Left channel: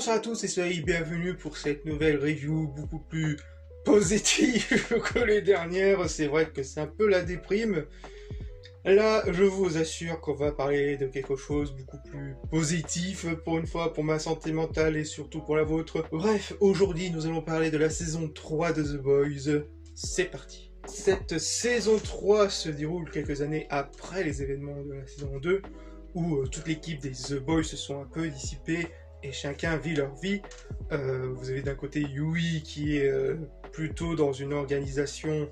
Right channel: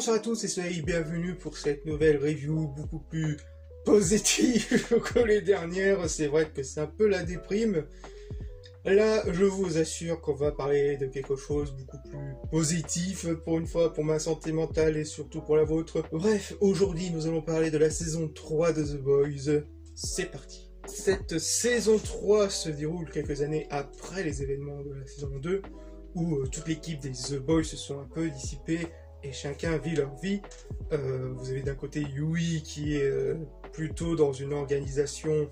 Bonsoir à tous et soyez bienvenus pour cette nouvelle review beaucoup plus positive que les dernières. C'est vrai que c'est un peu la déprime. Là, je vous assure qu'on va parler de quelque chose beaucoup plus positif pour une fois, pour ma santé mentale et surtout pour la vôtre. Bref, aujourd'hui, nous allons parler de la saison 3 de The Boys. C'est parti. Cette saison 3 se déroule quelques années après les événements de la saison 2, où toute l'équipe des The Boys se sont un peu dissipées et chacun vit leur vie. Vous avez d'un côté Yui qui est plutôt dans une organisation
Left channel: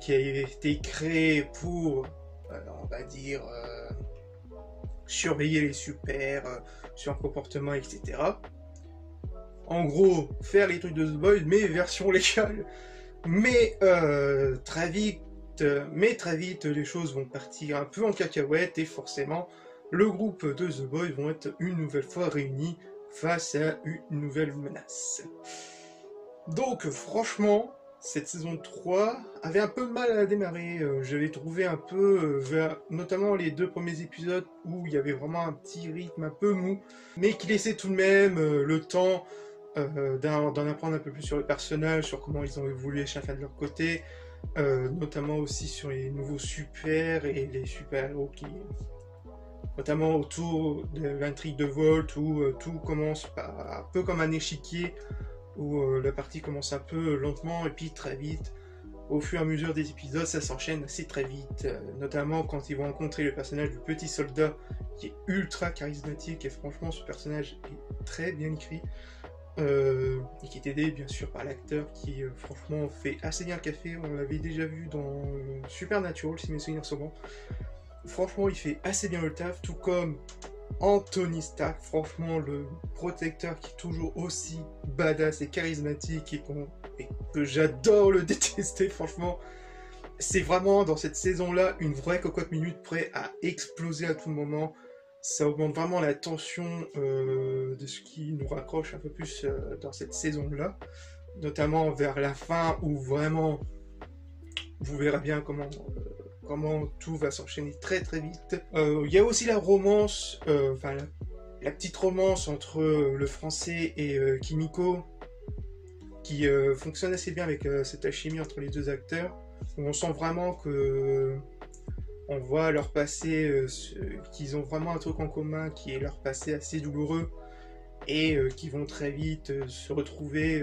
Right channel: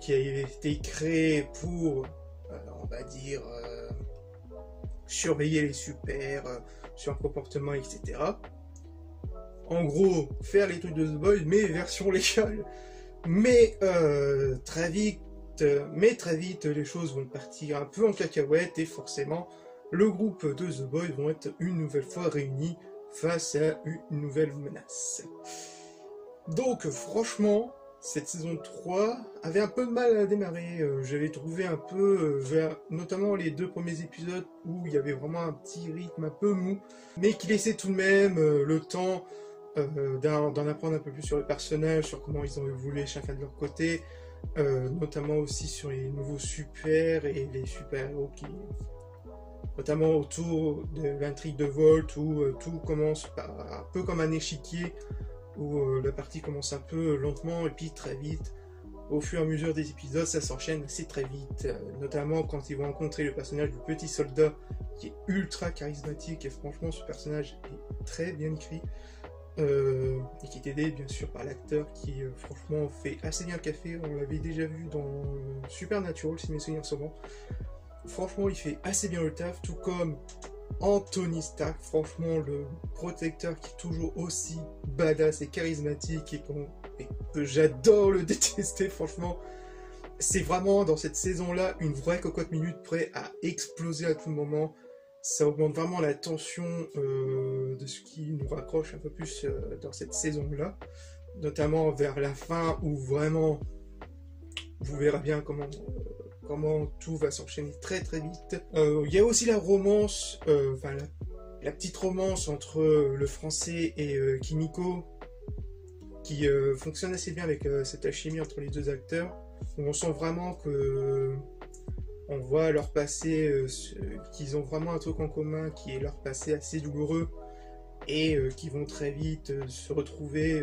qui a été créée pour, on va dire, surveiller les super, sur un comportement, etc. En gros, faire les trucs de The Boys, mais version légale. Mais très vite, les choses vont partir un peu en cacahuète et forcément, le groupe de The Boys vont être une nouvelle fois réunis face à une nouvelle menace. Donc franchement, cette saison 3 avait un peu de mal à démarrer. J'avais trouvé un peu, notamment les 2 premiers épisodes où il y avait vraiment un petit rythme un peu mou, mais qui laissait tout de même le temps d'en apprendre un peu plus sur les personnages, sur comment ils ont évolué chacun de leur côté, notamment aussi sur les nouveaux super et les super-héros qui... notamment autour de l'intrigue de Volt où tout commence un peu comme un échiquier où la partie commence un peu lentement et puis très vite. Au fur et à mesure des épisodes, ça s'enchaîne assez très vite, notamment quand ils vont rencontrer le personnage du petit soldat qui est ultra charismatique et franchement ce personnage est très bien écrit. Et qui est aidé bien sûr par l'acteur qui franchement fait assez bien le café. On l'avait déjà vu dans Supernatural si mes souvenirs sont bons. Franchement il fait assez bien le taf, tout comme Anthony Stark, franchement le protecteur qui est toujours aussi badass et charismatique et que j'adore le détester. Franchement c'est vraiment dans cette saison là une vraie cocotte minute prêt à exploser à tout moment. Ça augmente vraiment la tension de ce qui nous raccroche un peu plus dans cette saison-là, notamment vers la fin où vraiment vous verrez bien comment tout va s'enchaîner très très vite. Il y a aussi la romance, la petite romance entre le français et Kimiko qui fonctionne assez bien avec cette alchimie entre les deux acteurs, où on sent vraiment que... on voit leur passé, qu'ils ont vraiment un truc en commun qui est leur passé assez douloureux et qui vont très vite se retrouver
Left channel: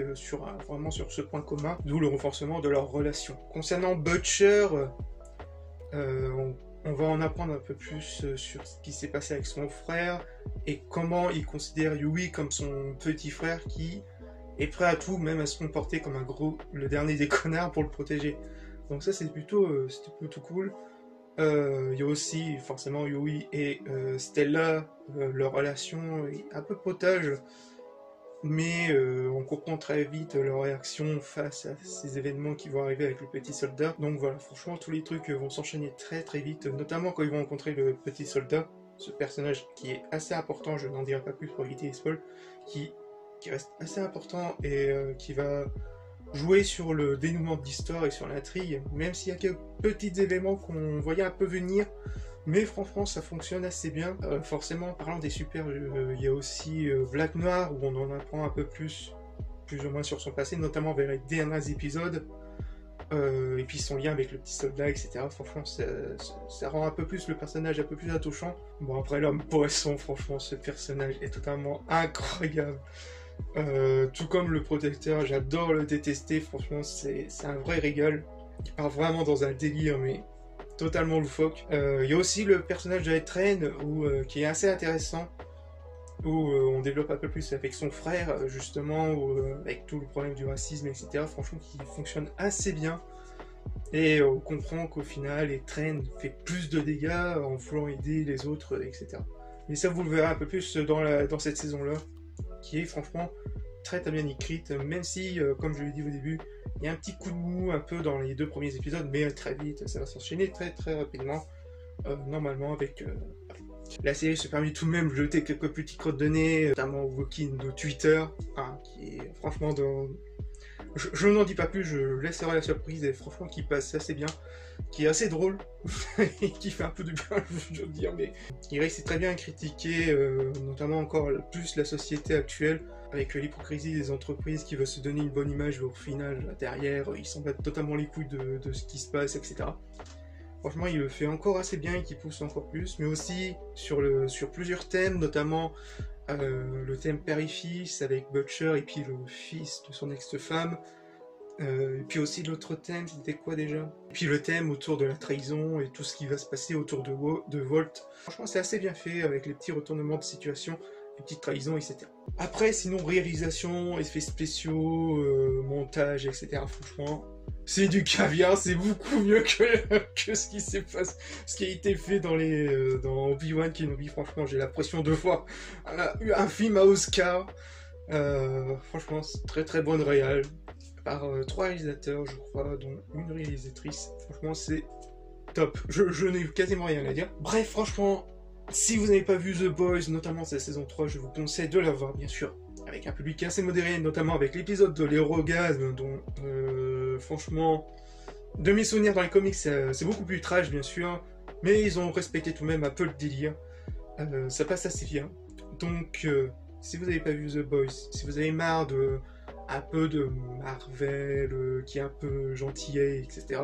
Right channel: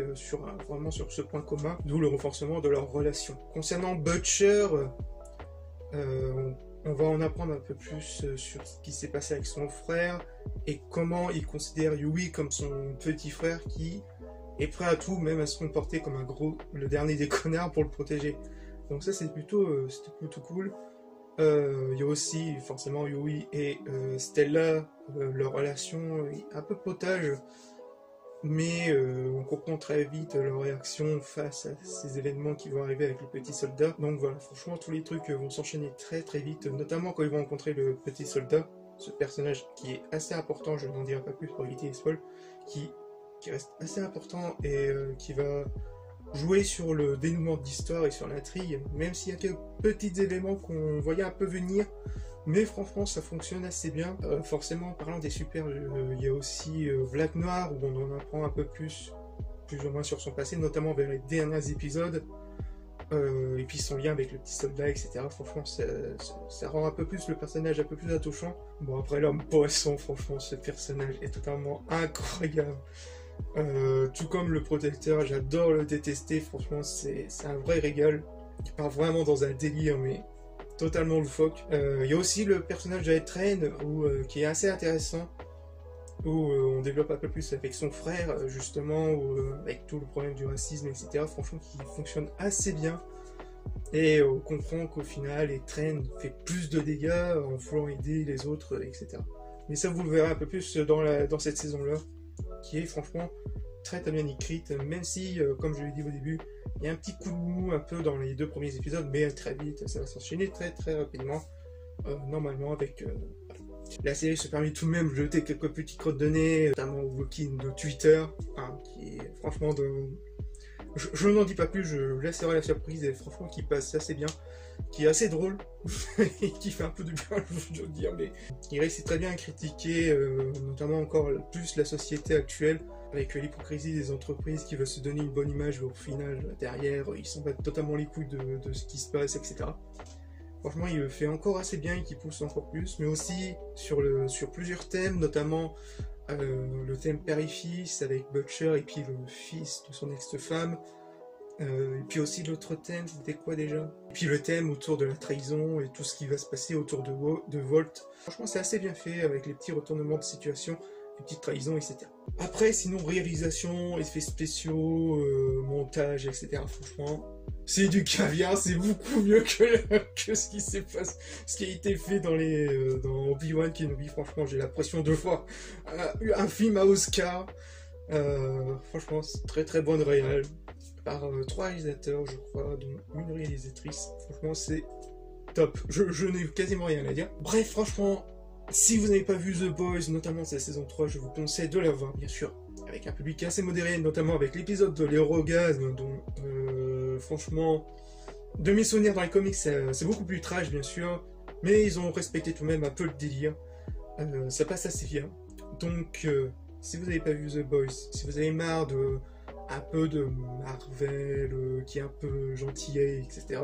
vraiment sur ce point commun, d'où le renforcement de leur relation. Concernant Butcher, on va en apprendre un peu plus sur ce qui s'est passé avec son frère et comment il considère Yui comme son petit frère qui est prêt à tout, même à se comporter comme le dernier des connards pour le protéger. Donc ça c'était plutôt cool. Il y a aussi forcément Yui et Stella, leur relation est un peu potage, mais on comprend très vite leur réaction face à ces événements qui vont arriver avec le petit soldat. Donc voilà, franchement tous les trucs vont s'enchaîner très très vite, notamment quand ils vont rencontrer le petit soldat, ce personnage qui est assez important, je n'en dirai pas plus pour éviter les spoils, qui reste assez important et qui va jouer sur le dénouement de l'histoire et sur l'intrigue, même s'il y a quelques petits éléments qu'on voyait un peu venir, mais franchement ça fonctionne assez bien. Forcément, parlant des super, il y a aussi Black Noir, où on en apprend un peu plus ou moins sur son passé, notamment vers les derniers épisodes, et puis son lien avec le petit soldat, etc. Franchement, ça rend un peu plus le personnage un peu plus attouchant. Bon, après l'homme poisson, franchement, ce personnage est totalement incroyable. Tout comme le protecteur, j'adore le détester, franchement c'est un vrai régal. Il part vraiment dans un délire mais totalement loufoque. Il y a aussi le personnage d'Aetren qui est assez intéressant, où on développe un peu plus avec son frère justement, avec tout le problème du racisme, etc. Franchement qui fonctionne assez bien et on comprend qu'au final Aetren fait plus de dégâts en voulant aider les autres, etc. Mais ça vous le verrez un peu plus dans cette saison là, qui est franchement très très bien écrite, même si, comme je l'ai dit au début, il y a un petit coup de mou un peu dans les 2 premiers épisodes, mais très vite, ça va s'enchaîner très très rapidement, normalement avec... La série se permet tout de même de jeter quelques petits crottes de nez, notamment au walking de Twitter, qui est franchement Je n'en dis pas plus, je laisserai la surprise, et franchement qui passe assez bien, qui est assez drôle, et qui fait un peu de bien, je veux dire, mais il réussit très bien à critiquer, notamment encore plus la société actuelle, avec l'hypocrisie des entreprises qui veulent se donner une bonne image, mais au final, derrière, ils s'en battent totalement les couilles de ce qui se passe, etc. Franchement, il le fait encore assez bien et qui pousse encore plus, mais aussi sur plusieurs thèmes, notamment le thème père et fils avec Butcher et puis le fils de son ex-femme. Et puis aussi l'autre thème, c'était quoi déjà? Et puis le thème autour de la trahison et tout ce qui va se passer autour de Walt. Franchement, c'est assez bien fait avec les petits retournements de situation, les petites trahisons, etc. Après, sinon, réalisation, effets spéciaux, montage, etc. Franchement, c'est du caviar, c'est beaucoup mieux que ce qui a été fait dans Obi-Wan Kenobi. Franchement, j'ai l'impression de voir un film à Oscar. Franchement, c'est très très bonne réal. Par 3 réalisateurs, je crois, dont une réalisatrice. Franchement, c'est top. Je n'ai quasiment rien à dire. Bref, franchement, si vous n'avez pas vu The Boys, notamment sa saison 3, je vous conseille de la voir, bien sûr, avec un public assez modéré, notamment avec l'épisode de l'Hérogasme, dont, franchement, de mes souvenirs dans les comics, c'est beaucoup plus trash, bien sûr, mais ils ont respecté tout de même un peu le délire. Ça passe assez bien. Donc, si vous n'avez pas vu The Boys, si vous avez marre un peu de Marvel, qui est un peu gentillet, etc.,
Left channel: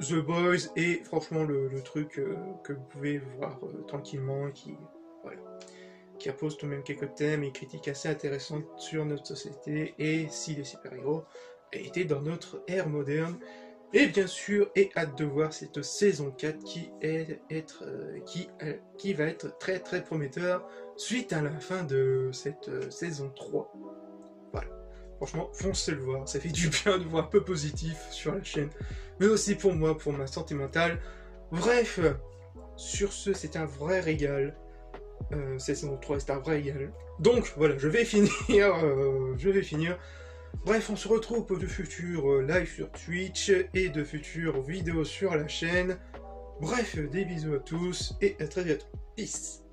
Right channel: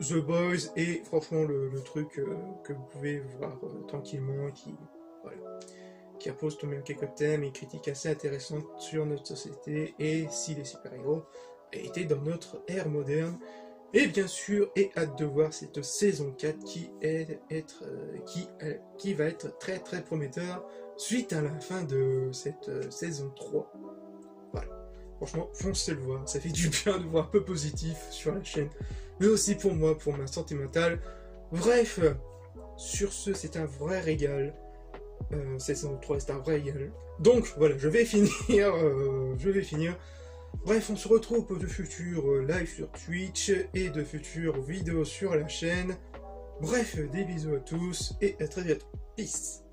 The Boys est franchement le truc que vous pouvez voir tranquillement, qui appose tout de même quelques thèmes et critiques assez intéressantes sur notre société et si les super-héros étaient dans notre ère moderne. Et bien sûr, et hâte de voir cette saison 4 qui va être très très prometteur suite à la fin de cette saison 3. Voilà. Franchement, foncez le voir, ça fait du bien de voir un peu positif sur la chaîne, mais aussi pour moi, pour ma santé mentale. Bref, sur ce, c'est un vrai régal. Saison 3, c'est un vrai régal. Donc voilà, je vais finir. Bref, on se retrouve pour de futurs lives sur Twitch et de futures vidéos sur la chaîne. Bref, des bisous à tous et à très bientôt. Peace.